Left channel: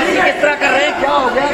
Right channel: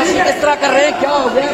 किस तरह कर रहे हैं, क्या हो गया?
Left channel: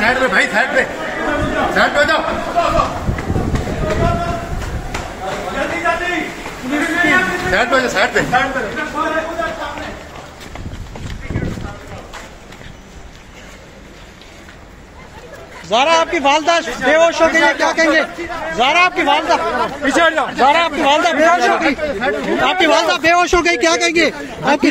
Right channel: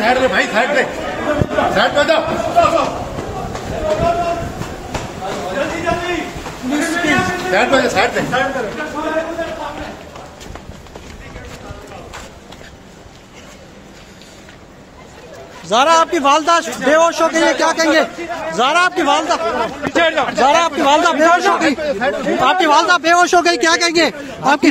साइड पे भाई, साइड पे जाओ। साइड पे ज़ारा आपकी वालदा बेहोश हो गई है, क्या कहेंगे? ज़ारा आपकी वालदा बेहोश हो गई, आपकी वालदा बेहोश हो गई, क्या कहेंगे आपकी?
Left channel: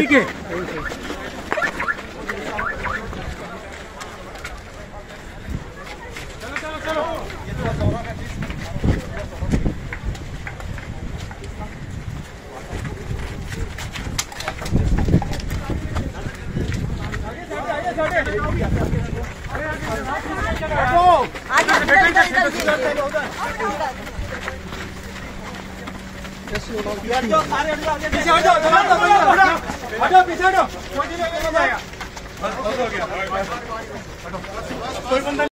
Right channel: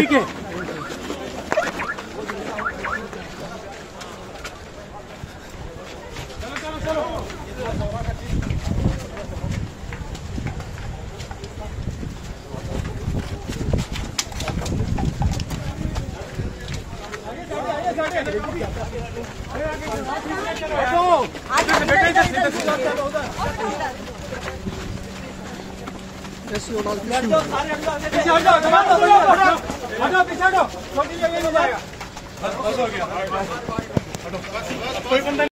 कोई बंदा